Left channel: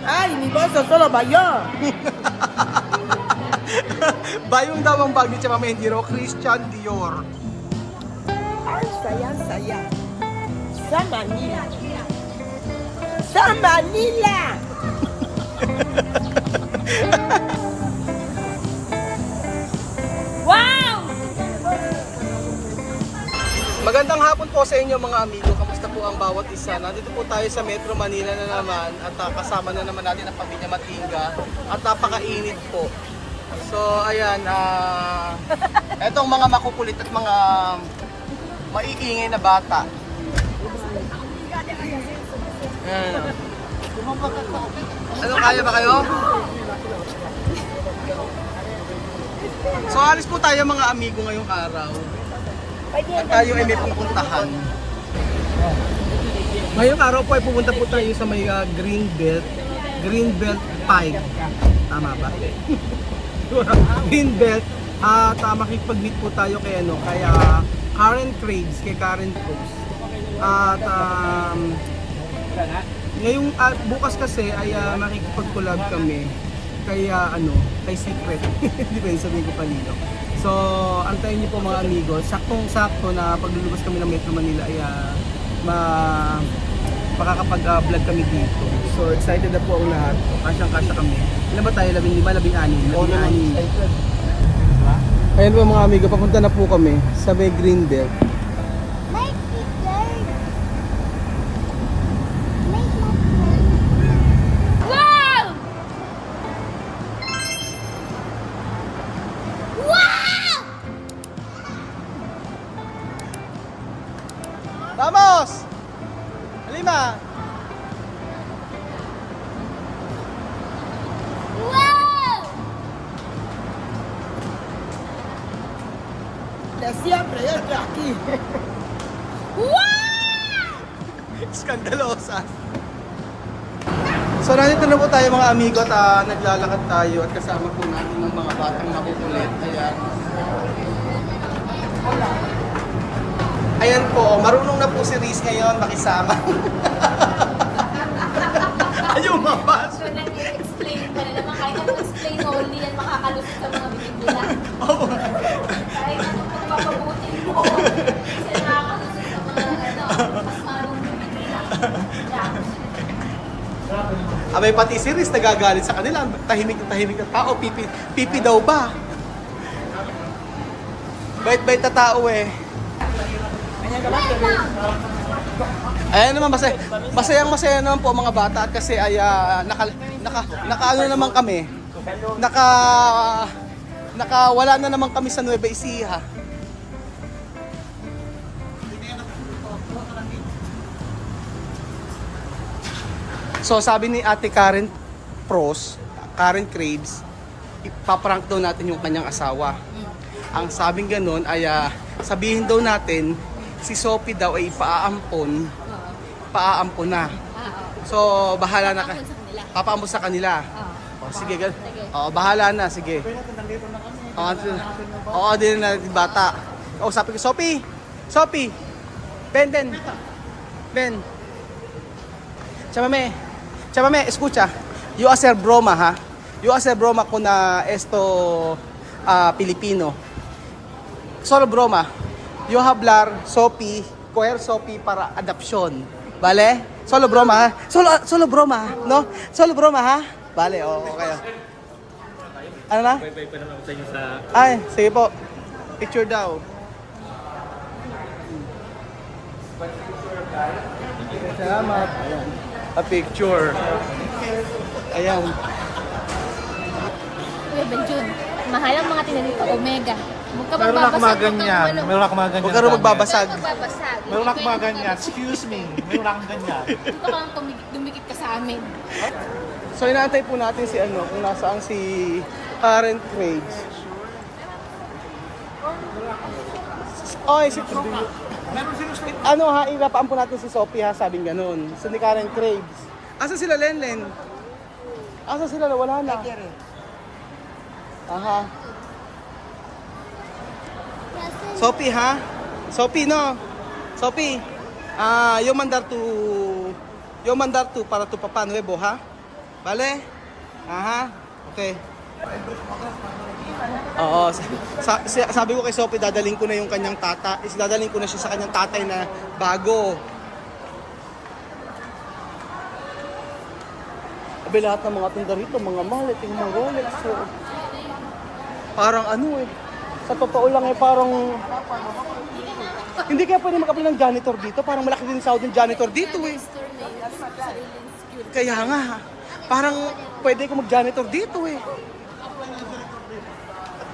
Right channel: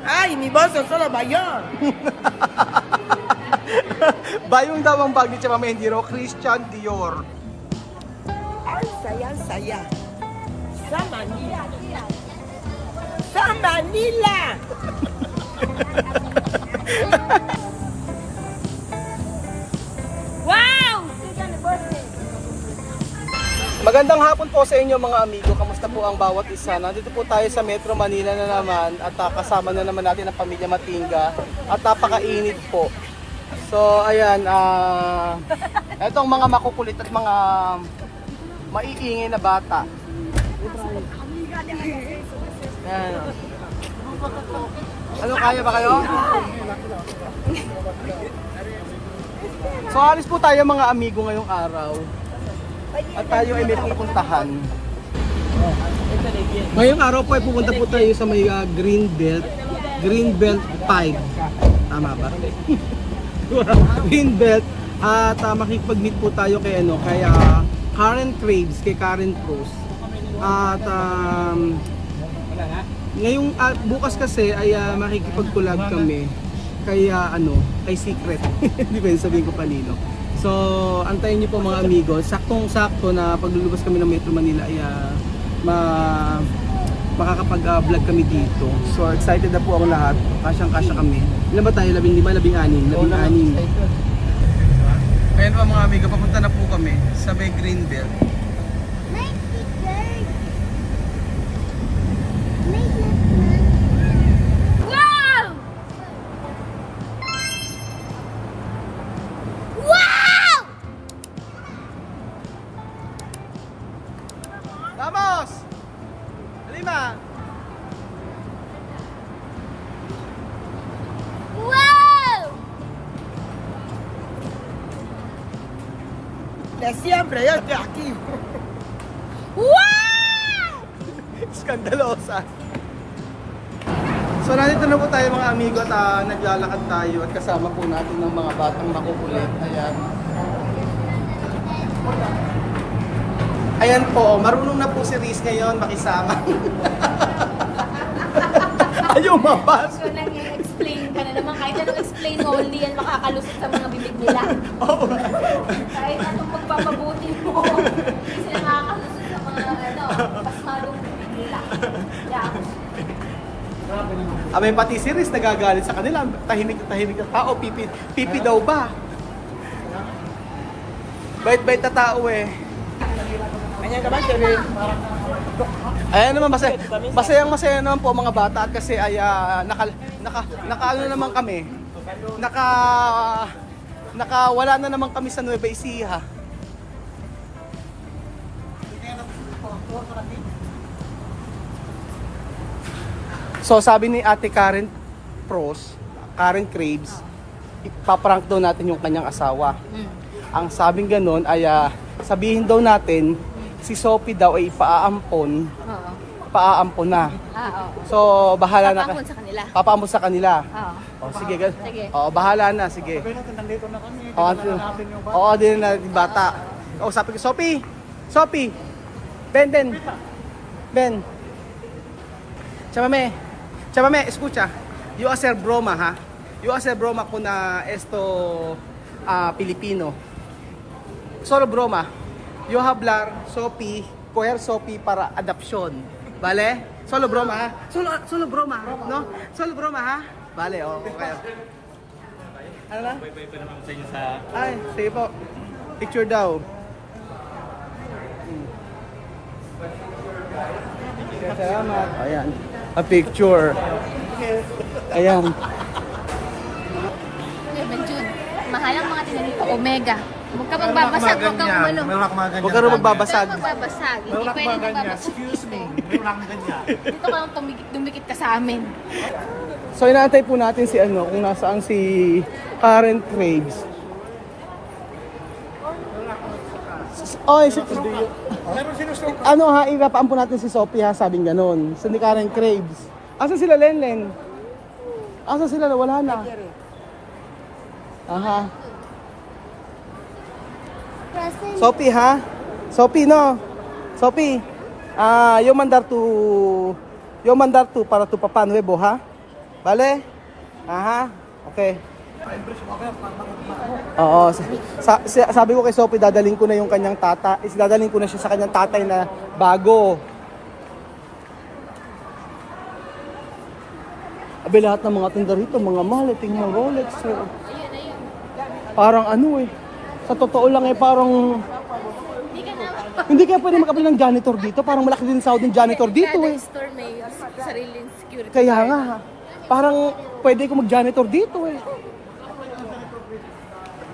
Ay, ni boso solo bayo. Bayong daw ang bag ni Chama Mendiro, Christian Dior. Ay, saya. Sa Manila. Sa Manila. Wow! Magandang hapon po sa inyo mga amigo. Kamusta po ang bawat isa? Nandito po tayo sa Metro Manila na naman at kasama na naman natin ang pamilya Matinga at napakainit po. So ayan, etong mga makukulit at mga maiingay na bata. Ayan. Ano, kaya ba kayo? So alis po tayo mga amigo ngayong araw. At tayo ay may pupuntahan. Ngayong araw po ay pupunta po tayo sa may Greenbelt 5. Tama ba? Greenbelt. At makikipag-meet po tayo kay Karen Craves, kay Karen Cruz. At ngayong bukas kasi ay makikipag-collab kami kay kay Secret. Hindi pa sabihin ko kanino. So, antayin niyo po mga amigo. Saktong-sakto na paglulubas kami ng Metro Manila ay makakapag-vlog kami dito. So, excited na po ang lahat. Kasyang-kasya kami. Ilan ba tayo? 15? 16? 16. Ayan po mga amigo, papunta na po kami sa may Greenbelt. Vamos! Halima! Wow! De siempre, yo estoy aquí. Wow! Skandalosa. So nandito na po tayo mga amigo at naglalakad tayo at kasama po natin ng mga batang makukulit. Ayan. Ayan po, marunong na po si Riz ngayon makisama. Ayaw mabas. So, nag-explain ka na naman. Kahit nag-explain mo, hindi yan makakalusot sa mga bibig nila. Oo. Kahit mabutin mo, kasi nakakalusot sa mga mas malong bibig nila. May pati si Riz nagagalit sa kanila. Tahimik na tao. Pipi daw ba? Bait-bait na tao eh. Ayan naman, masayang-masaya naman po mga bata at kasi ay naka naman kami. Wala na naman kami sa Nueva Ecija. So sabi ni Ate Karen Craves, ipaprank daw natin yung kanyang asawa. Ang sabing ganun ay sabihin daw natin si Sophie daw ay paaampon na. So bahala na ka. Papaampon sa kanila. Oh, sige. Oh, bahala na, sige. Oo, din na bata. Oh, sabi ko, Sophie. Ben. Chamame, escucha. You hacer broma, ha? You hacer broma con esto Pilipino. Solo broma. Yo hablar Sophie, coger Sophie para adoption. Vale? Solo broma, ha? Solo broma, no? Solo broma, ha? Vale, okay. Ano na? Ay, sige po. Picture daw. Salamat. Ayan. A picture. Ayan. Jun, mahal ang mga tinan dito, Omega. Huwag ka magbabasag, Huwag ka rin magbabasag. Meron akong mga ganyan. Excuse me. Meron akong ganyan. Dito ka lang dumikit ka sa amin. So inaantay po natin si kung nasaan si Karen Craves. Oy, ipapaampun natin si Sophie ha, sabing ganon. So ni Karen Craves. Asa sila Lenlen? Asa sila? Wala na. Aha. Sophie ha? Sophie no? Sophie. Yo mandar tu para tu papá nuevo ha? Bale? Aha, okay. Oo, sabi ko kay Sophie, dadaling ko na yung kanyang dadaling ko na siya sa kanyang tatay na bago. Abe, lahat ng mga tinda rito, mga mallet, mga Rolex. Parang ano eh, sa totoo lang eh, parang hindi kaya pwede makabili ng janitor dito. Parang malaki din sahod ng janitor dito eh. Store may sariling security. Kaya nga, parang pwede ko mag-janitor dito eh.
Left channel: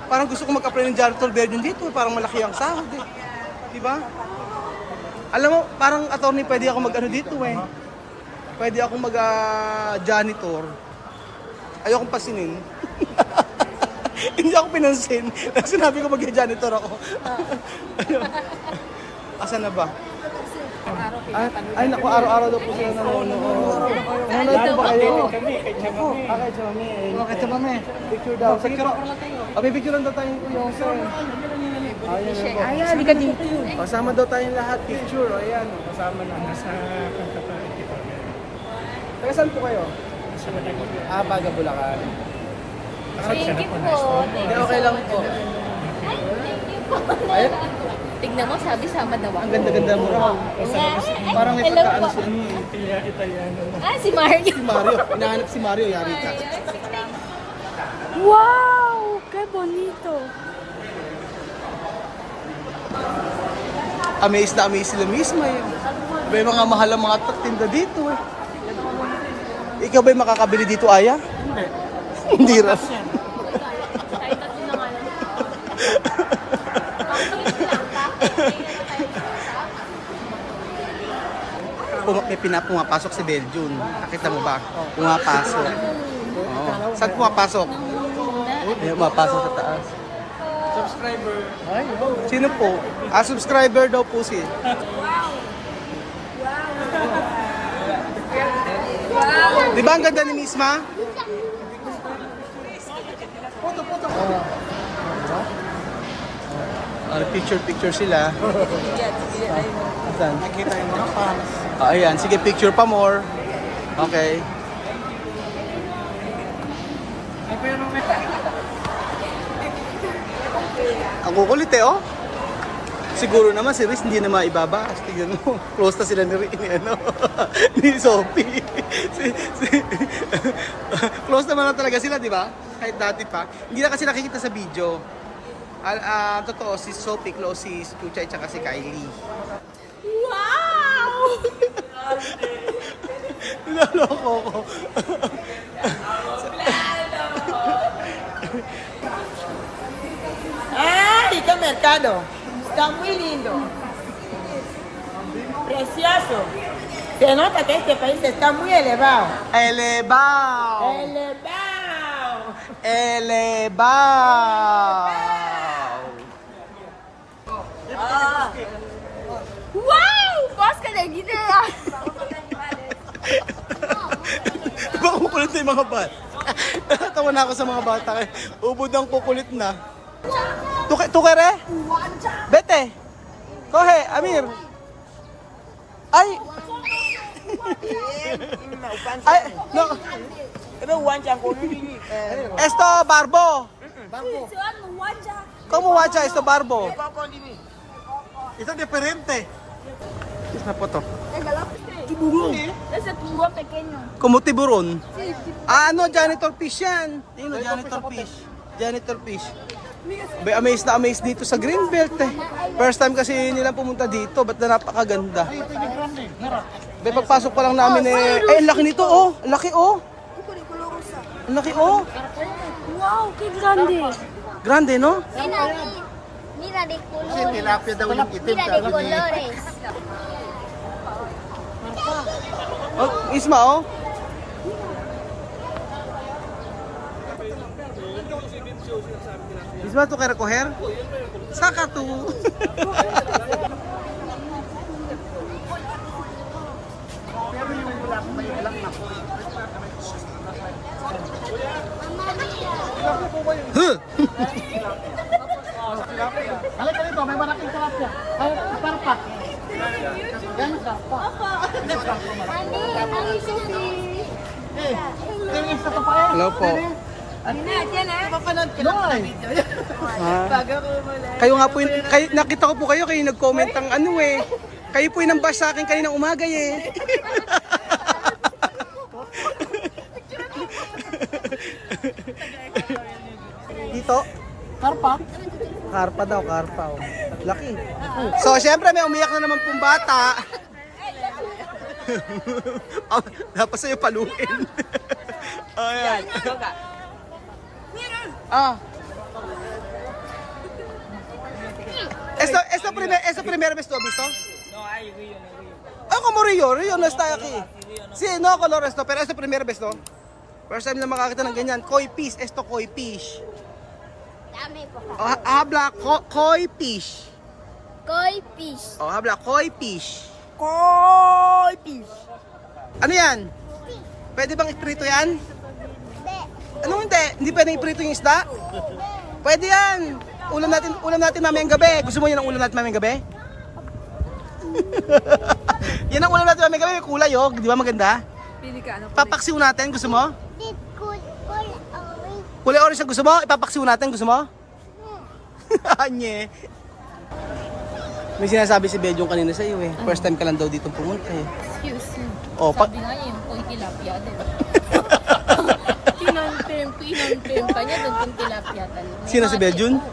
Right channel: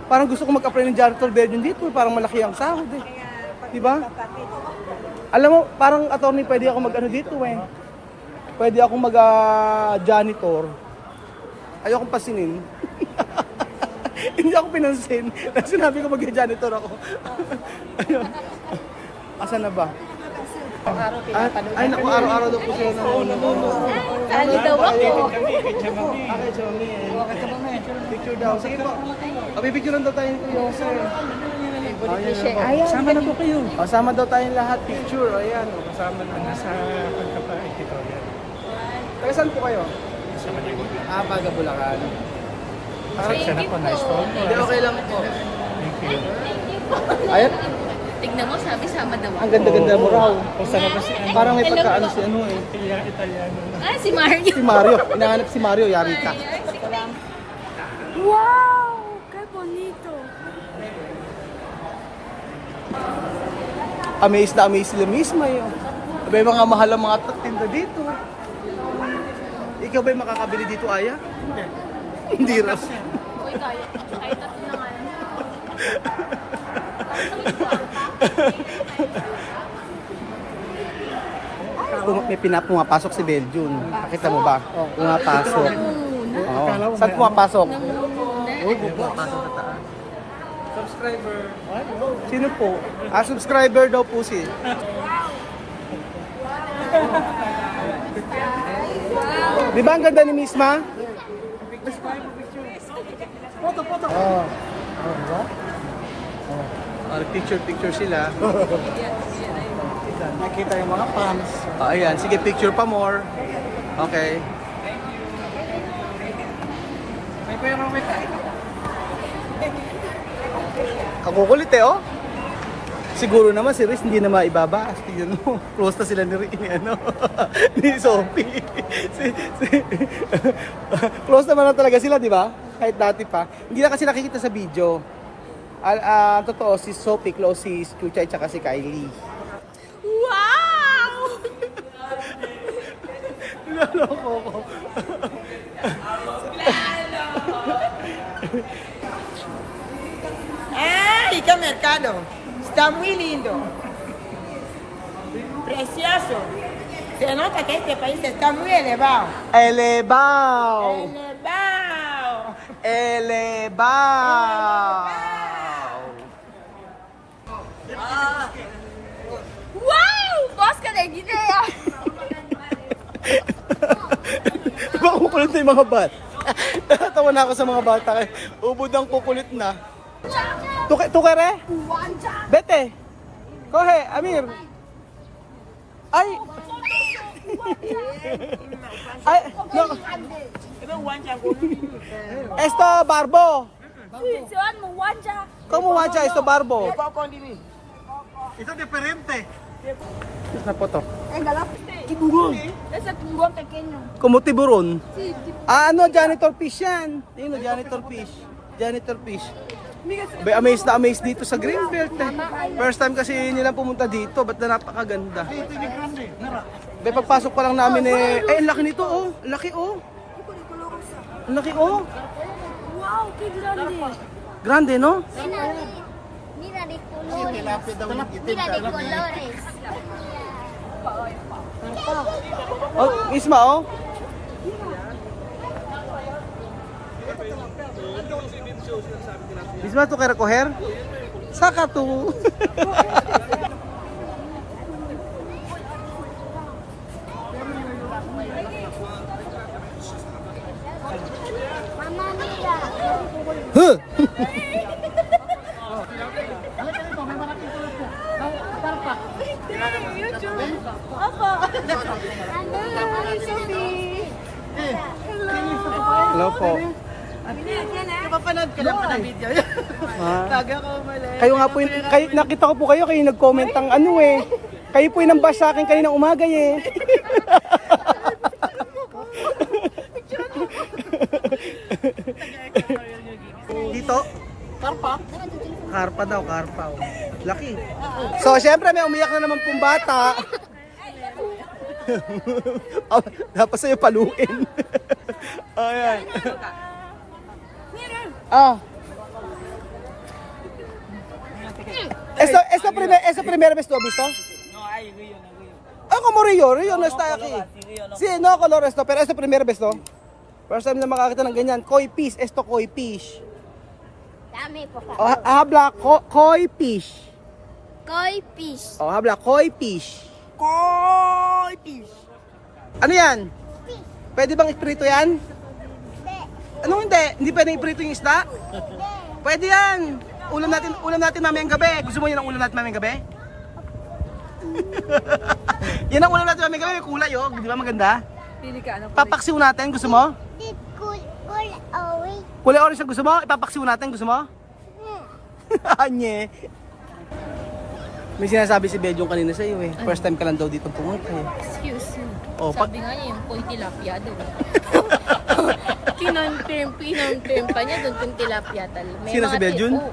Parang gusto ko mag-apply ng janitor version dito eh. Parang malaki ang sahod eh. Diba? Alam mo, parang attorney pwede ako mag-ano dito eh. Pwede ako mag-janitor. Ayokong pasinin. Hindi ako pinansin. Sinabi ko mag-janitor ako. Asan na ba? Ay naku, araw-araw daw po sila nanonood. Sali daw ako. Okay, Chami. Picture daw. Sige po. Pipicturean daw tayo yung sir. Ayan na po. Ayan, di ka dito. Kasama daw tayong lahat. Picture. Ayan, kasama na. Nasa pagkapait ito. Yan. Taga saan po kayo? Sa Maligod yan. Baga Bulacan. Thank you po. Hindi, okay lang po. Ayun, Tignan mo, sabi sama daw ang ako. ganda-ganda mo raw. Parang may Hello pagkaan po. si ano eh. Italiano na. Ah, si Marlo. Si Mario. Hinahanap si Mario, yari ka. Wow! Que bonito. Amaze na amaze sila mismo eh. Abay, mga mahal ang mga tinda dito eh. Ikaw ba'y makakabili dito, Aya? Hindi raw. Uy, kaya. Kahit tatlo naman. May pumapasok si Beljun. Nakita mo ba? Pumapasok. Oo. Saan pumapasok? Ayun, pumapasok sa taas. Subscriber. Sino po? Subscriber daw po si. Di ba ang ganda ni Miss Ma? Picture sila. Saan? Ayan, sige, picture pa more. Okay. Ang kukulit eh, oh. Siguro naman si Riz hindi na maibabas. Tignan mo, close na sila ni ano, ni Sophie. Close naman na talaga sila, di ba? Kahit dati pa. Hindi na kasi nakikita sa video. Totoo, si Sophie close si Kuchay at si Kylie. Wow! Naloko ko. Rica Mercado. Está muy lindo. Precioso. Se nota que este país está muy elevado. Elebao! Elevado. Elebao! Wow! Bosque de Guinea! Baka kukulit na yung mga bata. Natawa na ako sa mga bata. Ubod ang kukulit na. Tukere? Bete? Kohe, Amir? Ay! Ay, no. Esto, Barbo. ¿Cómo wacha esto, Barbo? Ito diferente. Is na po to. Tiburon. Ese tiburón pequeño. Como tiburon. Ano, janitor fish yan. Tingnan, janitor fish. Janitor fish. Bay, amazed na amazed dito sa Greenbelt eh. First time kasi nila pumunta dito, ba't na napakaganda. Bay, pagpasok pa lang namin eh, ay, ang laki nito oh. Ang laki oh. Ang laki oh. Wow, qué grande. Grande, no? Mira de colores. Mira de colores. Oh, Isma oh. Isma, to kaya recoger? Saka to. Huh? Hello po. Napapanood ko lang pala video yan. Ah. Bago ko mali. Kayo nga po, nakita ko po kayo nag-comment ang ano eh. Kayo po yung nang-bash sa akin kaninang umaga eh. Dito? Karpa? Karpa daw, karpa. Oh. Laki. So, syempre may umiyak na naman pong bata. Oh, dapat sa'yo paluin. Ayan. Ah. Esta primera vez lo visto? No, ay, Rio. Ah, como Rio no está aquí. Sí, no color esto, pero esta primera vez to. First time na makakita ng ganyan. Koi fish, esto koi fish. Oh, habla koi fish. Koi fish. Oh, habla koi fish. Koi fish. Ano yan? Pwede bang iprito yan? Ano hindi? Hindi pwedeng iprito yung isda? Pwede yan. Ulam natin mamayang gabi. Gusto mo yan ang ulam natin mamayang gabi? Yan ang ulam natin mamayang gabi. May kulay oh. Di ba maganda? Pili ka, ano? Papaksiw natin. Gusto mo? Kulay orange ang gusto mo? Ipapaksiw natin. Gusto mo? Anye. May sinasabi si Bedyong kanina sa iyo eh. First time ka lang daw dito pumunta eh. Excuse me. Oh, Sabi nga niya yung koi tilapia daw. Kinonfirm pa niya doon kung tilapia talaga. May Sino si mga Bedyong? oo.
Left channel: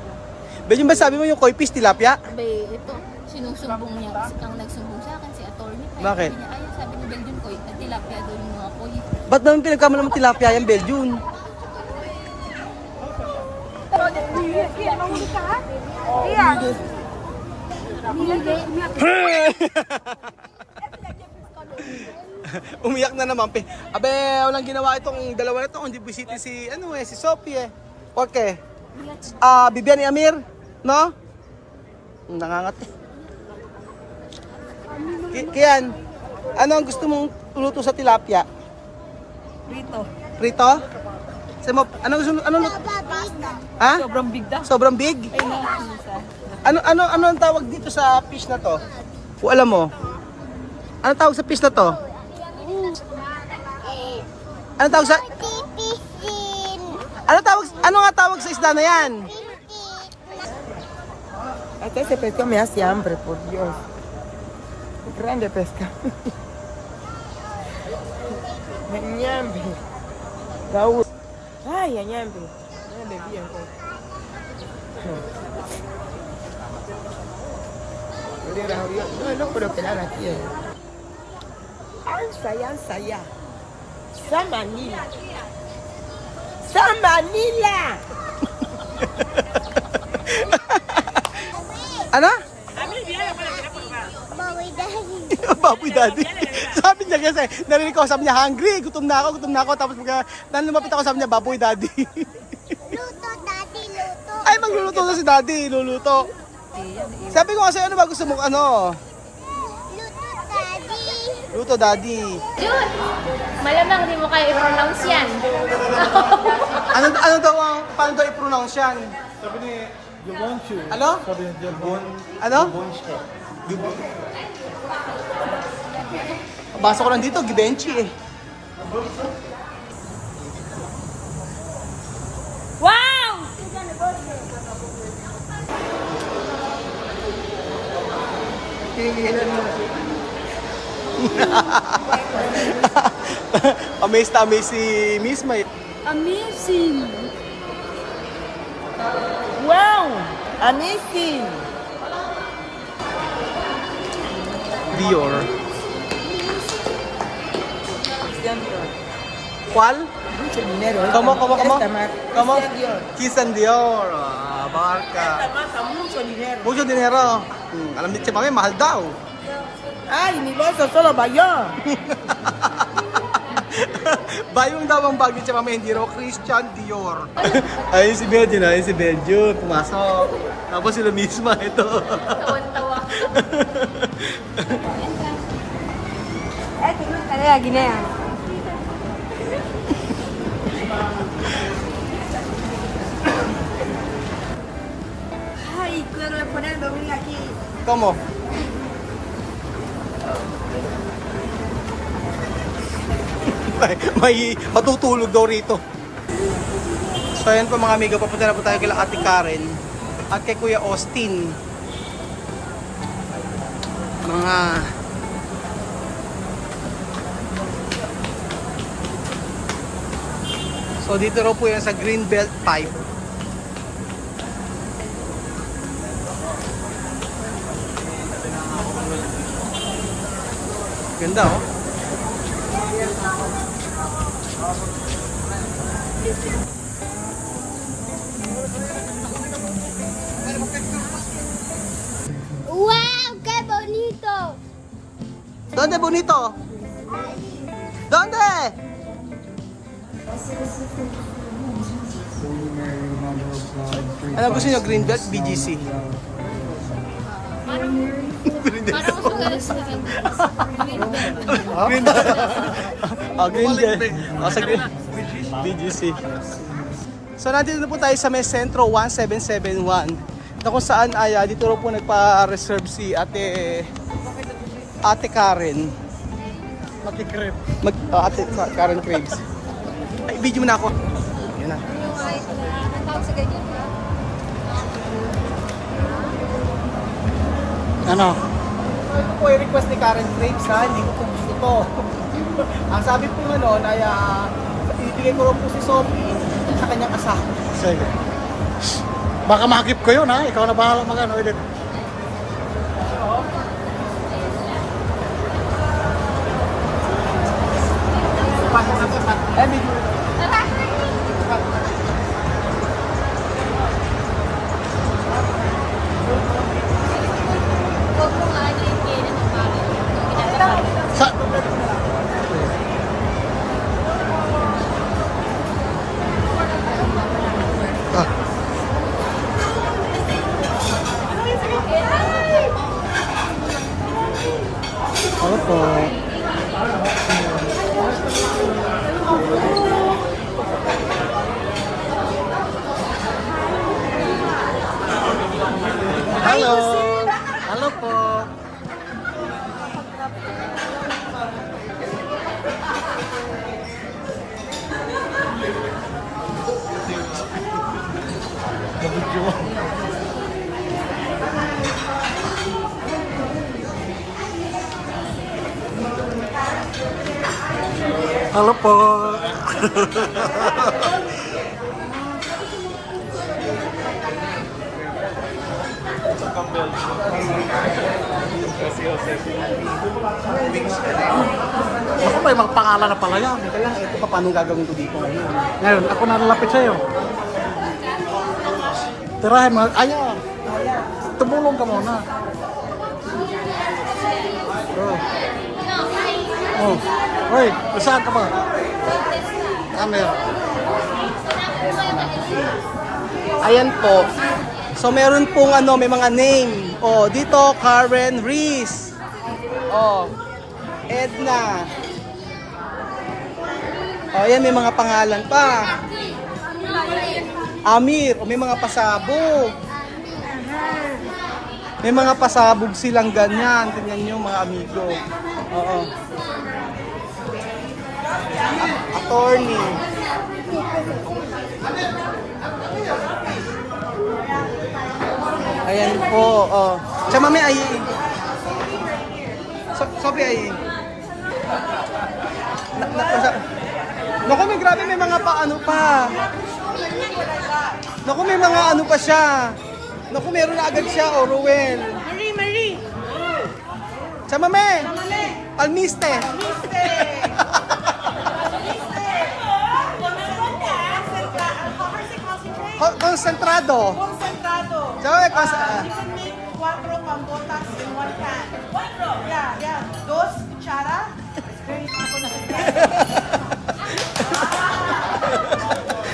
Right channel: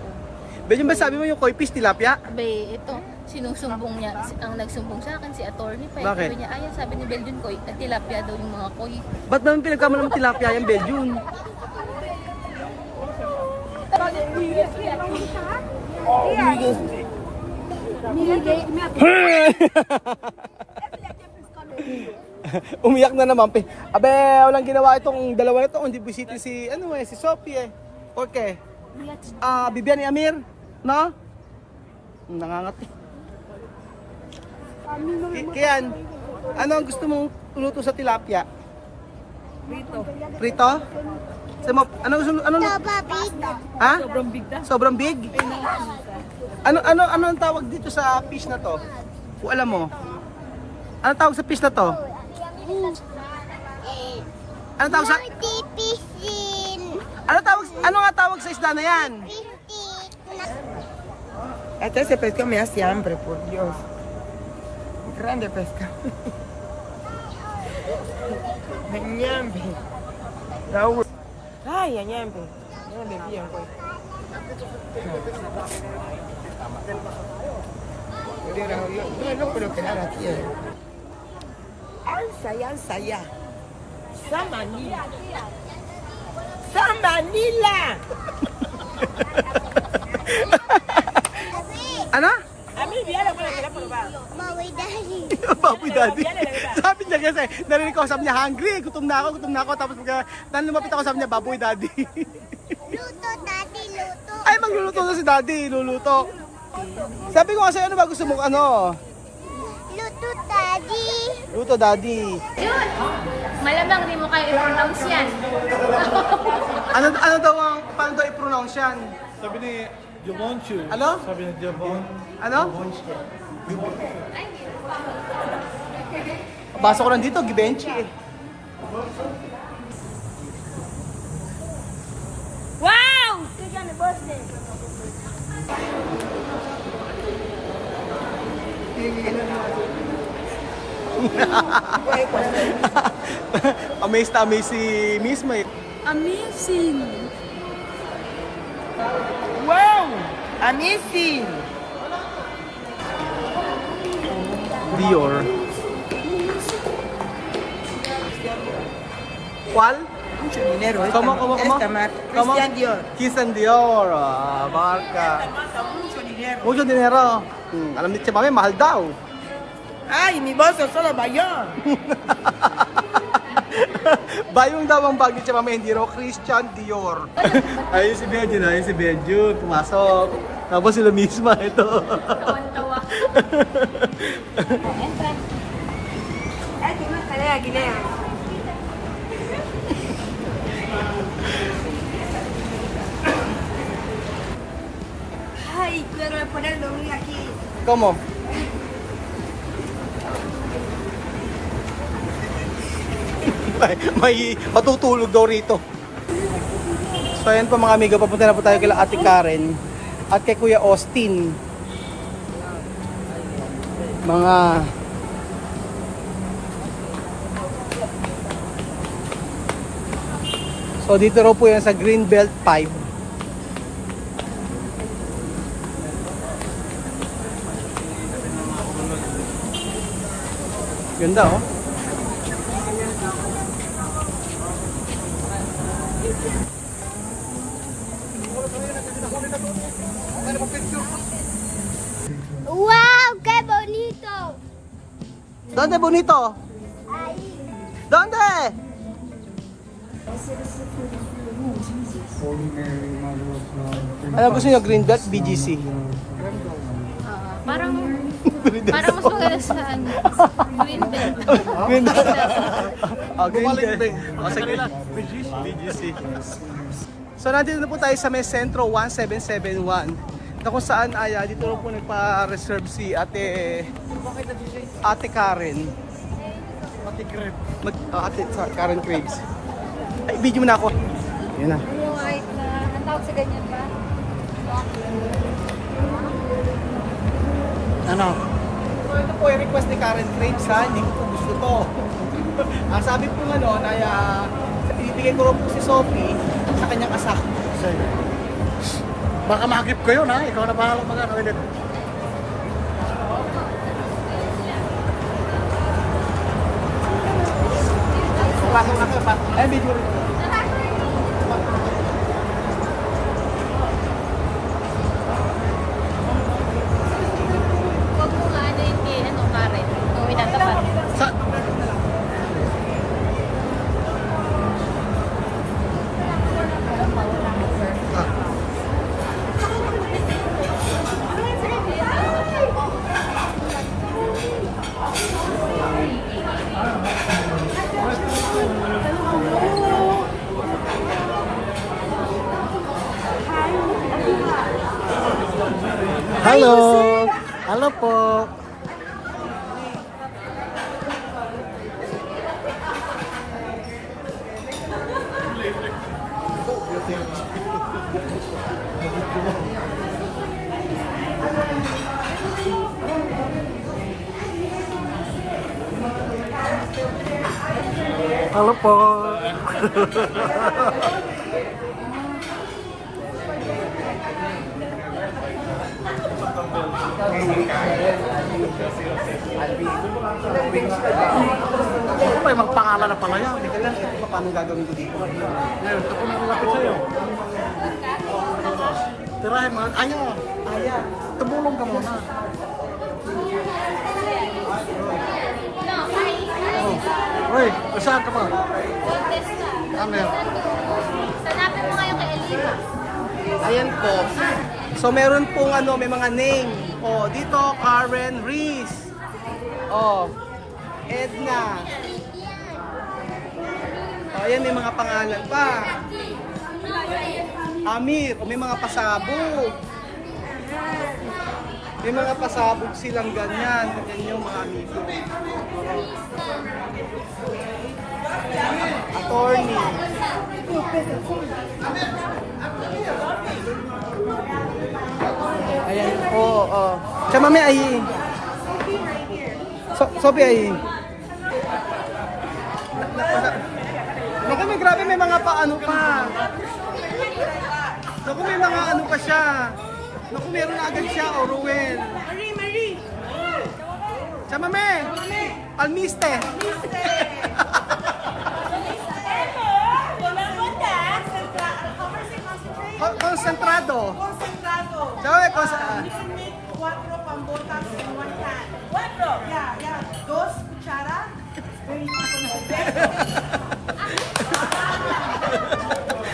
Bedyong ba sabi mo yung koi fish tilapia? Be, ito, sinusumbong niya, ang nagsumbong sa akin si attorney pa. Bakit? Sabi niya, ay, sabi ni Beljun koi, tilapia daw yung mga koi. Ba't naman pinagkama naman tilapia yung Bedyong? Umiyak na naman. Abe, walang ginawa itong dalawa na to. Hindi bisita si, si Sophie eh. Okay. Bibian ni Amir, no? Nangangati. Kian, ano ang gusto mong luto sa tilapia? Prito. Prito? Ano gusto ano? Ha? Sobrang big da. Sobrang big? Ano ang tawag dito sa fish na to? O alam mo? Ano tawag sa fish na to? Ano tawag sa Ano nga tawag sa isda na yan? Este pescado me hace hambre, por Dios. Grande pescado. Añambe. Raúl. Ay, añambe. No le bien, pues. Yo no puedo quedar aquí. Ansaya. Samanila. Ano? Baboy daddy. Sabi niya kasi, narinig ko, sabi niya, hungry, gutom na ako. Tapos pagka lumapit ako, sabi niya, baboy daddy. Luto, daddy, luto. Ay, magluluto na si daddy, luluto. Sabi ko kasi, ano ba gusto mong ano? Luto, daddy. Luto daddy. Malamang di mo kayo i-pronounce yan. Ano daw ang, paano daw i-pronounce yan? Sabi ni Jobonchu. Ano? Sabi ni Jobon. Ano? Basa ko lang dito, Givenchy eh. Wow! Kaya na boss eh. Amazed na amazed si Miss May. Amazing! Wow! Amazing! Dior. ¿Cuál? Mucho dinero. ¿Cómo? Christian Dior. Christian Dior. Ah, barka. Mucho dinero. Mucho dinero. Alam ni Mami, mahal daw. Ay, mi bolso solo bayón. Bayong daw ang bag ni Mami, hindi raw Christian Dior. Ayun si Benjo, pumasok. Tapos sila misma, ito. Ay, pero poner dormir aquí. ¿Cómo? may matutulog daw rito. So ayan po mga amigo, papunta na po tayo kila Ate Karen at kay Kuya Austin. Mga so dito raw po yan sa Greenbelt Pipe. Ganda oh. Wow, qué bonito. ¿Dónde bonito? Ahí. ¿Dónde? Alam gusto nyo Greenbelt, BGC. Parang mas magaling sa Greenbelt. Greenbelt. Oh, Greenbelt. Oh, sa BGC. So nandito na po tayo sa may Sentro 1771 na kung saan ay dito rin po nagpa-reserve si Ate Karen. Ate Crib. Ate Karen Craves. Ay, video mo na ako. Ayun. Natawag sa ganyan ba? Ano? So ito po yung request ni Karen Craves ha, hindi ko po gusto to. Ang sabi po ano, ay ibigay ko po si Sophie sa kanyang asawa. Sige. Baka makip ko yun ha. Ikaw na bahala mag-ano ulit. Ay, video rin. Huwag mo nga ano yung kay Karen. Nung itatapat. Sa... Ah. Ano po? Hello. Hello po. Halo po. Ako may mga pangalan na pala yan. Teka lang, ito pa paano gagawin ko dito ngayon? Ngayon, ako nalalapit sa'yo. Tirahin mo. Aya, Aya. tumulong ka muna. Oh. Hoy, saan ka ba? Camera. Ayan po. So meron pong ano, may mga name. Oh, dito Karen Reese. Oh, Edna. Oh, ayan may mga pangalan pa. Amir, o may mga pasabog. May mga pasabog silang ganyan. Tingnan nyo mga amigo. Oo. Attorney. Ayan po. Oh. Tsaka may ay. Sophie ay. Naku, may grabe may mga paano pa. Naku, may mga ano pa siya. Naku, meron na agad siya, Orwell. Marie! Sama me! Almiste! Concentrado. Sama me, Cuatro pambotas en one pan. Cuatro, ya. Dos cucharas.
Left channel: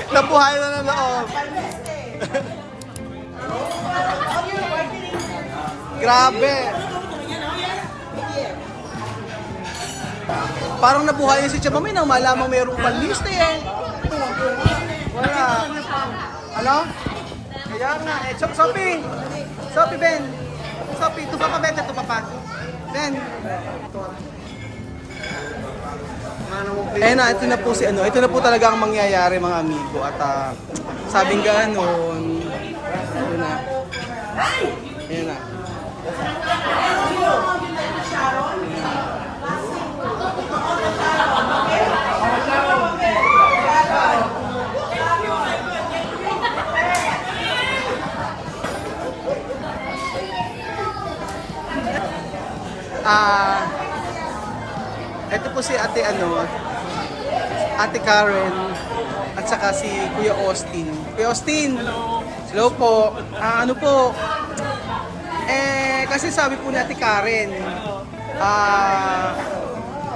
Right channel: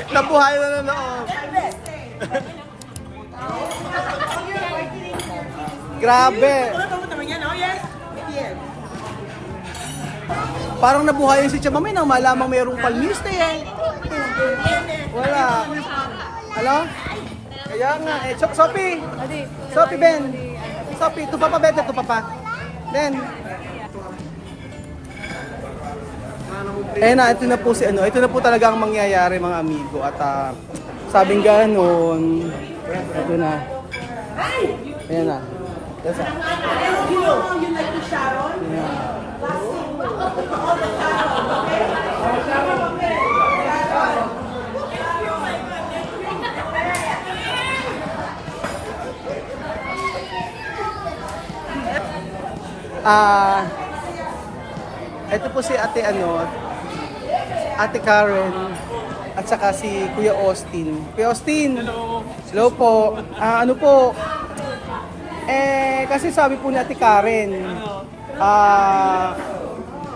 Nabuhay na ng loob. Grabe. Parang nabuhay si Chamamay nang malamang mayroong palmiste eh. Wala. Hello? Kaya nga eh. Sophie! Sophie, Ben! Sophie, tupa pa, Ben. Tupa pa. Ben! Eh na, ito na po si ano. Ito na po talaga ang mangyayari mga amigo. At Sabing ganon. Yun na. Ayan na. Ito po si ate Ate Karen at saka si Kuya Austin. Kuya Austin! Hello! Hello po. Ano po? Kasi sabi po ni Ate Karen,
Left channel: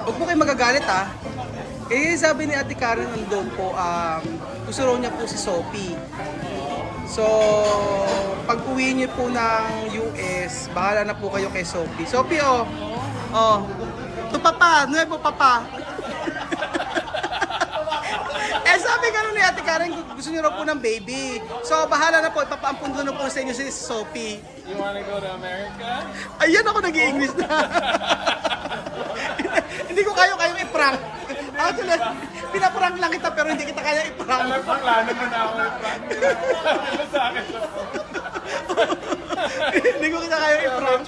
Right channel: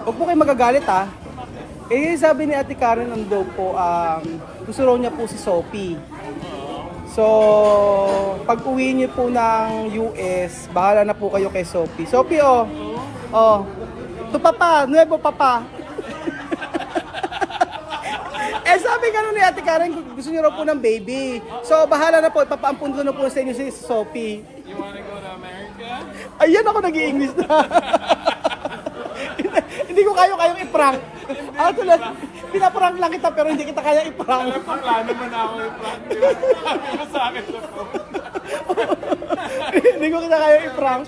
huwag po kayo magagalit sabi ni Ate Karen daw po, gusto raw niya po si Sophie. So, pag uwi niyo po ng US, bahala na po kayo kay Sophie. Sophie, to papa, nuevo papa. Sabi gano'n ni Ate Karen, gusto niyo raw po ng baby. So, bahala na po, ipapaampun ko na po sa inyo si Sophie. You wanna go to America? Ayan ako nag-i-English na. Hindi ko kayong i-prank. Actually, pinaprank lang kita pero hindi kita kaya i-prank. Bakla naman ako i-prank. Sabi mo sa akin sa phone. Hindi ko kita kaya i-prank.